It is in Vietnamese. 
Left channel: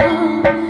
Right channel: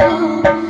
tâm